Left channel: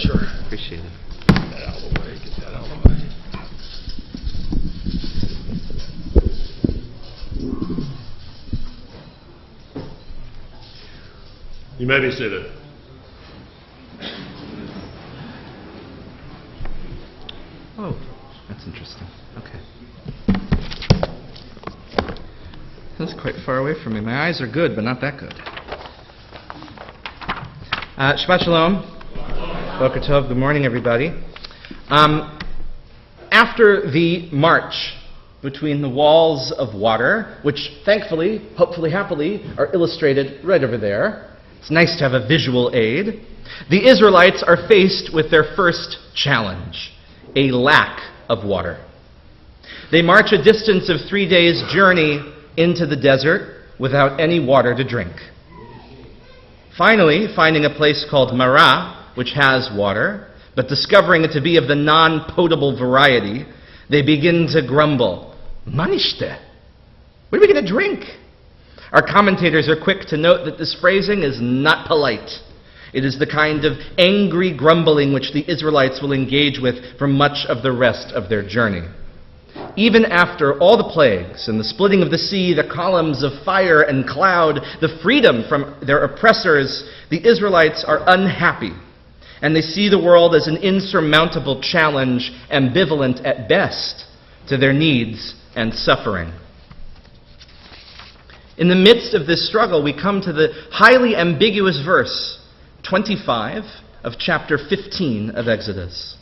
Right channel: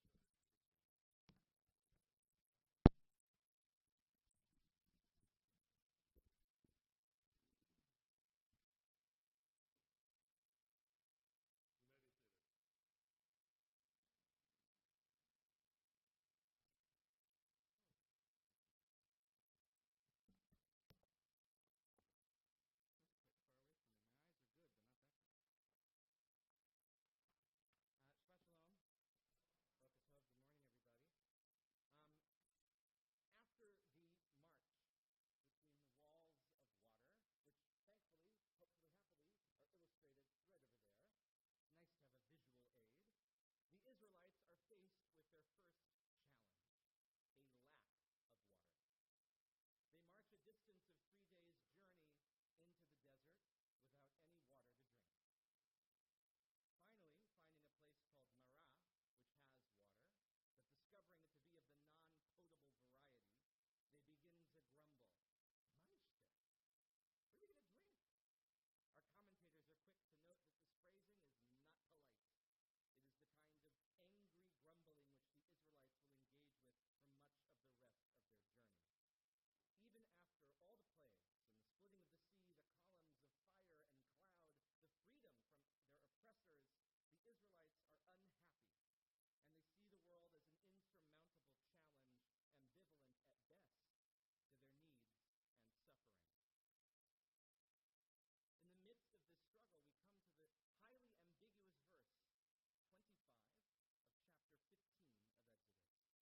Sure. Appreciate it. Get that out of the way. Get that out of the way. You may be seated. Oh, that's interesting. Okay. That's quite far away from me. My eyes are good, but not that good. Shabbat Shalom. Boker Tov. Good morning, everybody. After the march between the walls of water, which thankfully, hopefully, happily, are illustrated right over there, it's nice to have a visual aid, the Israelites are faced with their first challenge, a lack of water. They march a distance of 3 days' journey into the desert without any water to drink. Finally, finding a place called Marah, which has water, but discovering it to be of the non-potable variety, they begin to grumble. Manishte, what are we going to drink? Our commentators are quick to note that this phrasing is not polite. It is the kind of angry grumbling which the Israelites will engage with for much of the rest of their journey. Even after all the plagues and the splitting of the sea, the columns of fire and cloud, the freedom from their oppressors, the Israelites are unhappy, and they see the world as an insurmountable challenge, ambivalent at best to their needs and suffering. In the midst of this struggle, we come to the highly ambiguous verse 25 of chapter 15 of Exodus.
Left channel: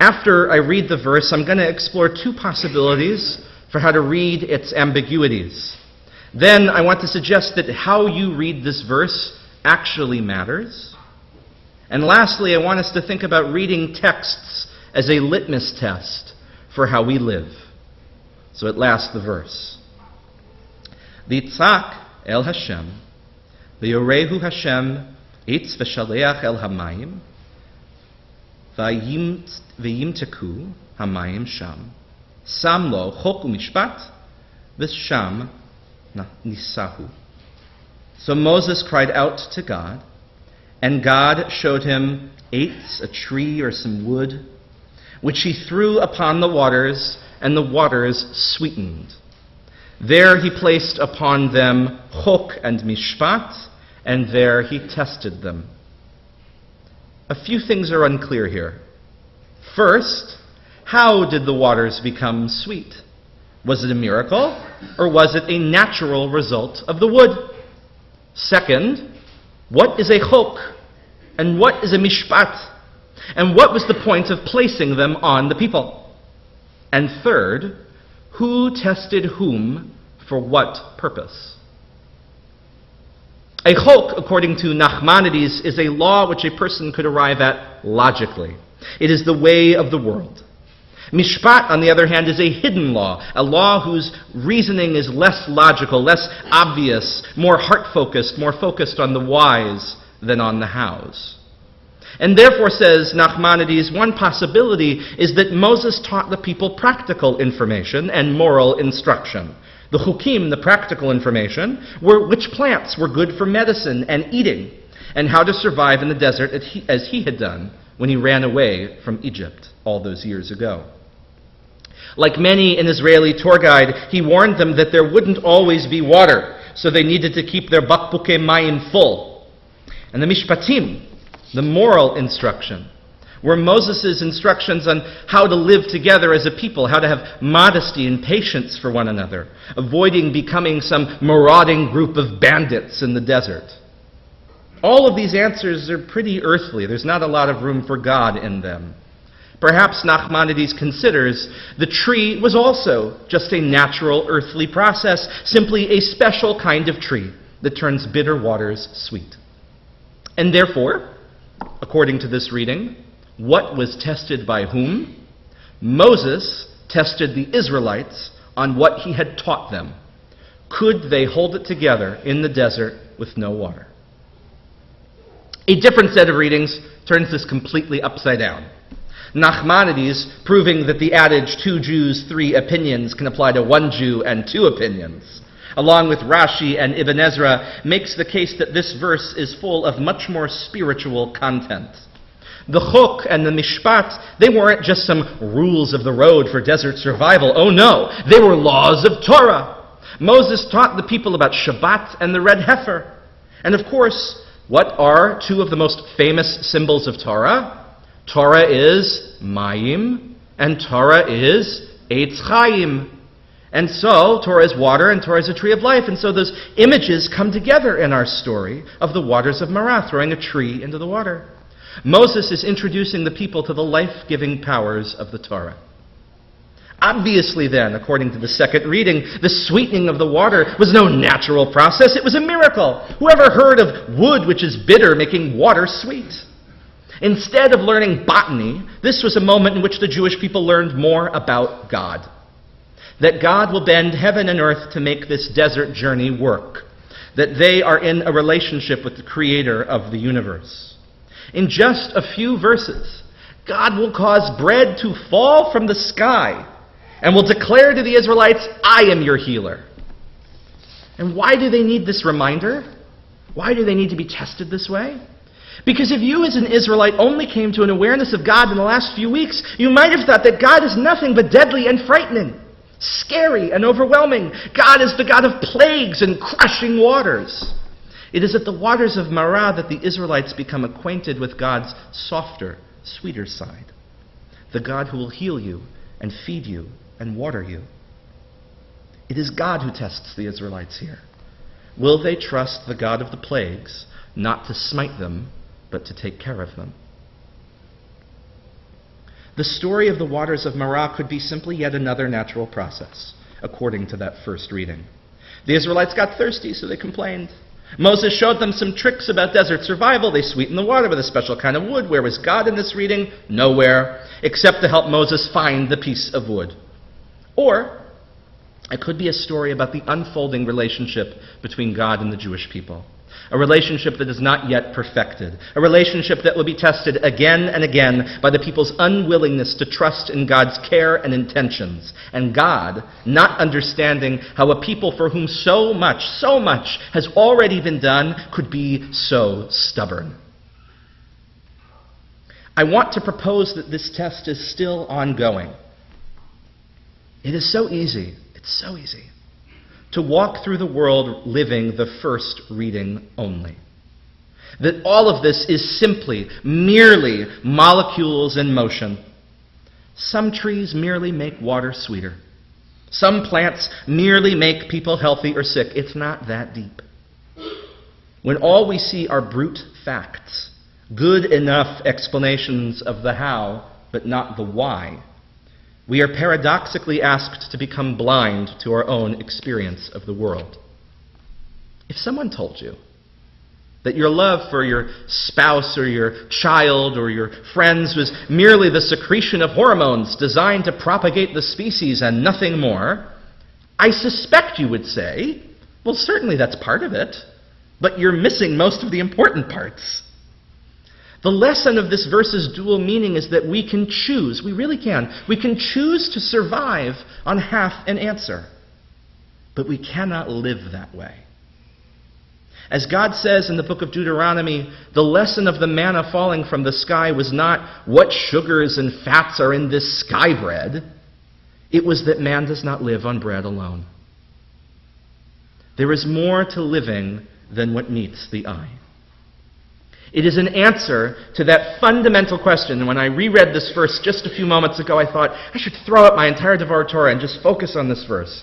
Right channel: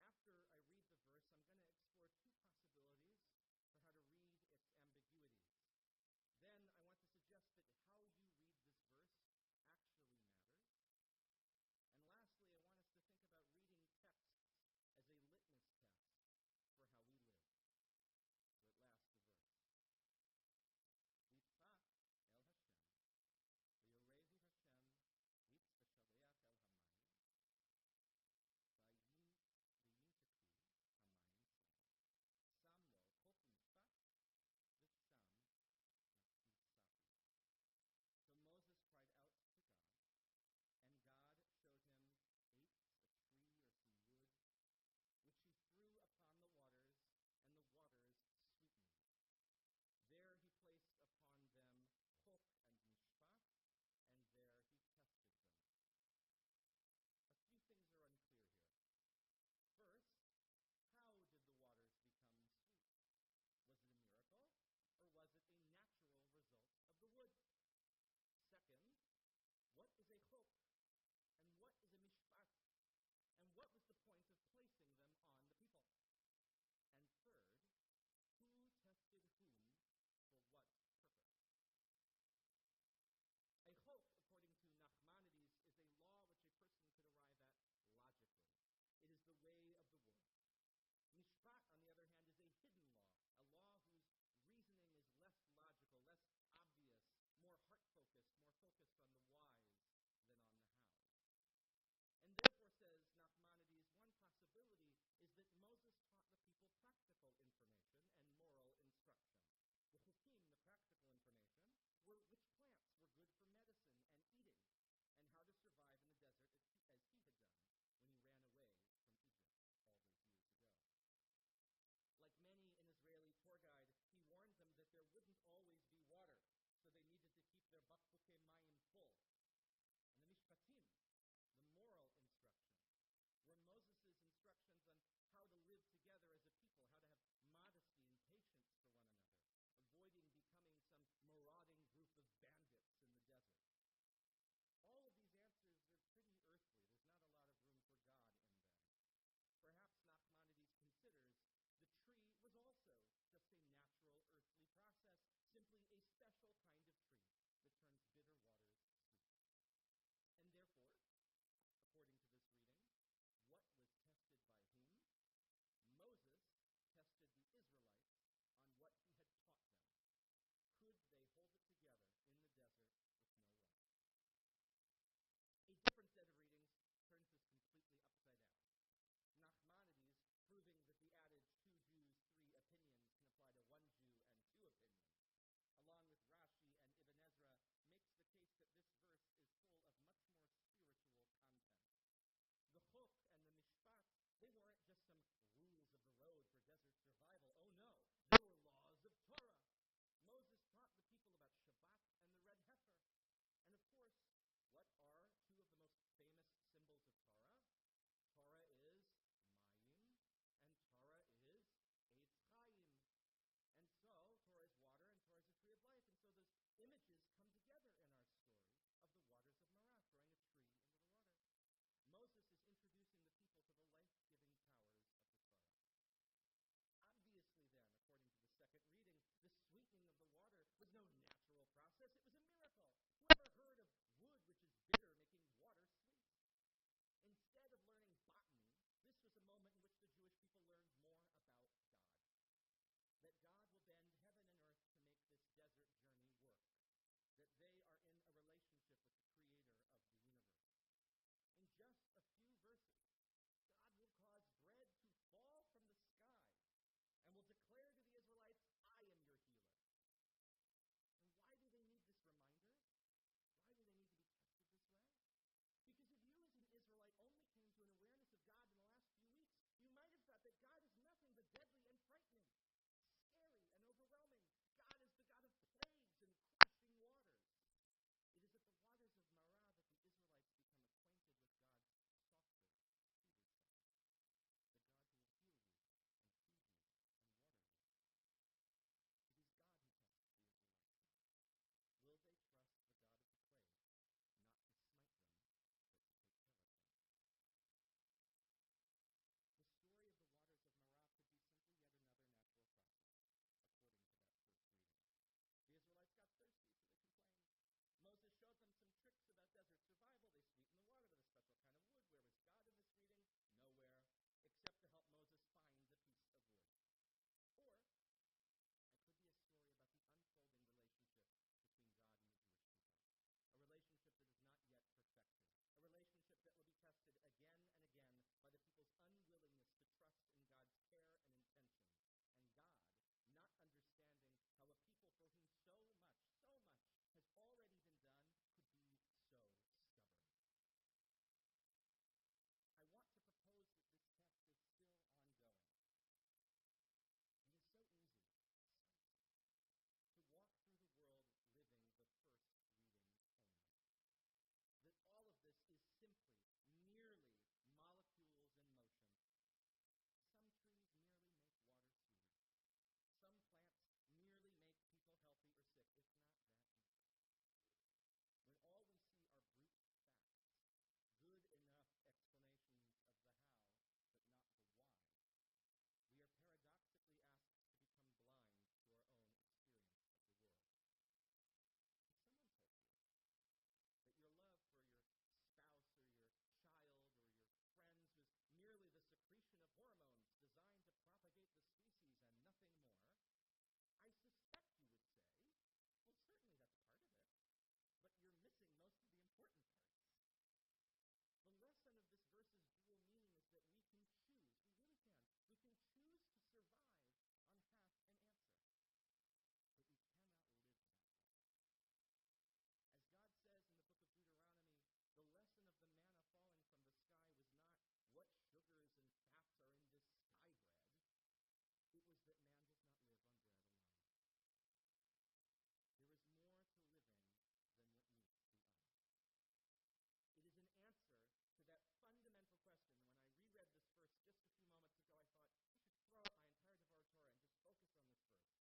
After I read the verse, I'm going to explore two possibilities for how to read its ambiguities. Then I want to suggest that how you read this verse actually matters. And lastly, I want us to think about reading texts as a litmus test for how we live. So at last, the verse. V'yitzak el Hashem, v'yorehu Hashem etz v'shaleach el hamayim, v'yimteku hamayim sham, sam lo chok u'mishpat, v'sham nisahu. So Moses cried out to God, and God showed him eitz, a tree or some wood, which he threw upon the waters, and the waters sweetened. There he placed upon them chok and mishpat, and there he tested them. A few things are unclear here. First, how did the waters become sweet? Was it a miracle, or was it a natural result of the wood? Second, what is a chok, and what is a mishpat? And what was the point of placing them on the people? And third, who tested whom for what purpose? A chok, according to Nachmanides, is a law which a person could arrive at logically. It is the way of the world. Mishpat, on the other hand, is a hidden law, a law whose reasoning is less logical, less obvious, more heart-focused, more focused on the whys than on the hows. And therefore, says Nachmanides, one possibility is that Moses taught the people practical information and moral instruction. The chukim, the practical information, were which plants were good for medicine and eating, and how to survive in the desert as he had done when he ran away from Egypt all those years ago. Like many an Israeli tour guide, he warned them that there wouldn't always be water, so they needed to keep their bakbuke mayim full. And the mishpatim, the moral instruction, were Moses' instructions on how to live together as a people, how to have modesty and patience for one another, avoiding becoming some marauding group of bandits in the desert. All of these answers are pretty earthly. There's not a lot of room for God in them. Perhaps Nachmanides considers the tree was also just a natural earthly process, simply a special kind of tree that turns bitter waters sweet. And therefore, according to this reading, what was tested by whom? Moses tested the Israelites on what he had taught them. Could they hold it together in the desert with no water? A different set of readings turns this completely upside down. Nachmanides, proving that the adage 2 Jews, 3 opinions can apply to 1 Jew and 2 opinions, along with Rashi and Ibn Ezra, makes the case that this verse is full of much more spiritual content. The chok and the mishpat, they weren't just some rules of the road for desert survival. Oh no, they were laws of Torah. Moses taught the people about Shabbat and the red heifer. And of course, what are two of the most famous symbols of Torah? Torah is mayim, and Torah is eitz chaim. And so, Torah is water, and Torah is a tree of life. And so those images come together in our story of the waters of Marah, throwing a tree into the water. Moses is introducing the people to the life-giving powers of the Torah. Obviously then, according to the second reading, the sweetening of the water was no natural process. It was a miracle. Whoever heard of wood which is bitter making water sweet? Instead of learning botany, this was a moment in which the Jewish people learned more about God. That God will bend heaven and earth to make this desert journey work. That they are in a relationship with the Creator of the universe. In just a few verses, God will cause bread to fall from the sky and will declare to the Israelites, I am your healer. And why do they need this reminder? Why do they need to be tested this way? Because if you as an Israelite only came to an awareness of God in the last few weeks, you might have thought that God is nothing but deadly and frightening, scary and overwhelming. God is the God of plagues and crushing waters. It is at the waters of Marah that the Israelites become acquainted with God's softer, sweeter side. The God who will heal you and feed you and water you. It is God who tests the Israelites here. Will they trust the God of the plagues, not to smite them, but to take care of them? The story of the waters of Marah could be simply yet another natural process, according to that first reading. The Israelites got thirsty, so they complained. Moses showed them some tricks about desert survival. They sweetened the water with a special kind of wood. Where was God in this reading? Nowhere, except to help Moses find the piece of wood. Or it could be a story about the unfolding relationship between God and the Jewish people. A relationship that is not yet perfected. A relationship that will be tested again and again by the people's unwillingness to trust in God's care and intentions. And God not understanding how a people for whom so much has already been done could be so stubborn. I want to propose that this test is still ongoing. It is so easy. It's so easy to walk through the world living the first reading only. That all of this is simply, merely molecules in motion. Some trees merely make water sweeter. Some plants merely make people healthy or sick. It's not that deep. When all we see are brute facts, good enough explanations of the how, but not the why, we are paradoxically asked to become blind to our own experience of the world. If someone told you that your love for your spouse or your child or your friends was merely the secretion of hormones designed to propagate the species and nothing more, I suspect you would say, well, certainly that's part of it, but you're missing most of the important parts. The lesson of this verse's dual meaning is that we can choose, we really can, we can choose to survive on half an answer, but we cannot live that way. As God says in the book of Deuteronomy, the lesson of the manna falling from the sky was not what sugars and fats are in this sky bread. It was that man does not live on bread alone. There is more to living than what meets the eye. It is an answer to that fundamental question. And when I reread this verse just a few moments ago, I thought I should throw out my entire Devar Torah and just focus on this verse.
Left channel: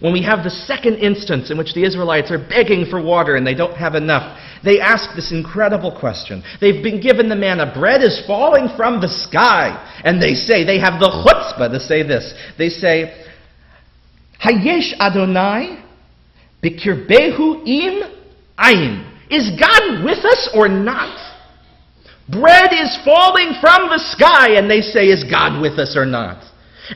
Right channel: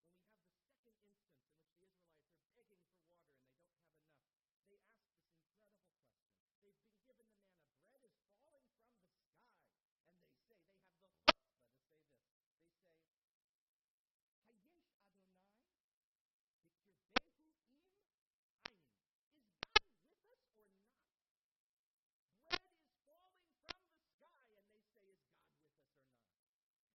When we have the second instance in which the Israelites are begging for water and they don't have enough, they ask this incredible question. They've been given the manna. Bread is falling from the sky. And they say, they have the chutzpah to say this. They say, Hayesh Adonai b'kirbehu im ayin. Is God with us or not? Bread is falling from the sky, and they say, is God with us or not?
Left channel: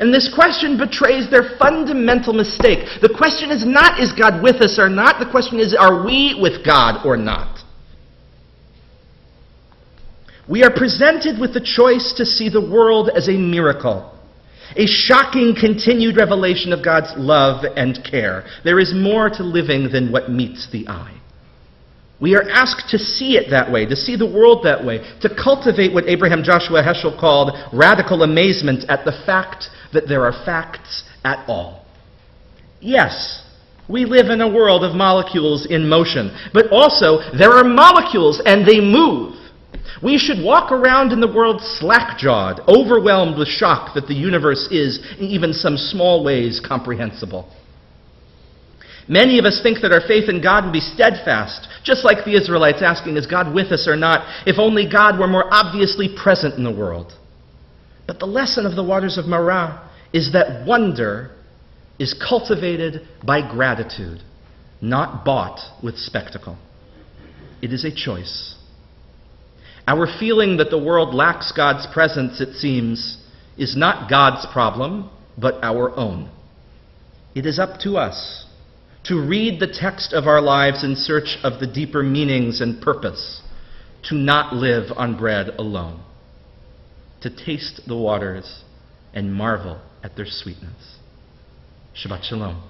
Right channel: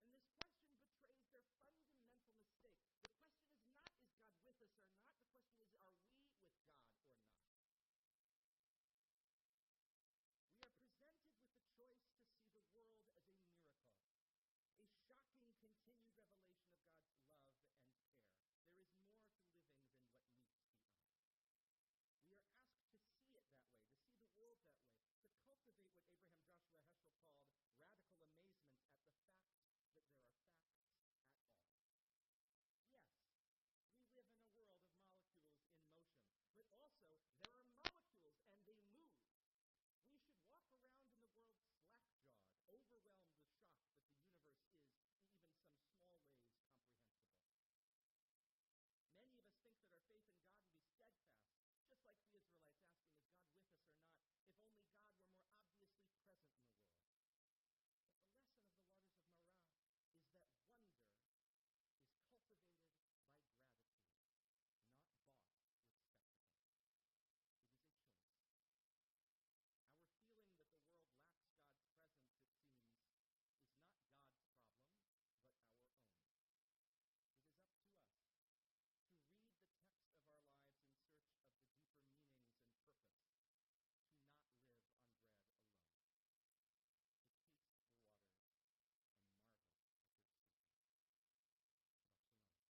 And this question betrays their fundamental mistake. The question is not, is God with us or not? The question is, are we with God or not? We are presented with the choice to see the world as a miracle, a shocking continued revelation of God's love and care. There is more to living than what meets the eye. We are asked to see it that way, to see the world that way, to cultivate what Abraham Joshua Heschel called radical amazement at the fact that there are facts at all. Yes, we live in a world of molecules in motion, but also there are molecules and they move. We should walk around in the world slack-jawed, overwhelmed with shock that the universe is, in even some small ways, comprehensible. Many of us think that our faith in God would be steadfast, just like the Israelites asking, is God with us or not, if only God were more obviously present in the world. But the lesson of the waters of Marah is that wonder is cultivated by gratitude, not bought with spectacle. It is a choice. Our feeling that the world lacks God's presence, it seems, is not God's problem, but our own. It is up to us to read the text of our lives in search of the deeper meanings and purpose, to not live on bread alone, to taste the waters and marvel at their sweetness. Shabbat Shalom.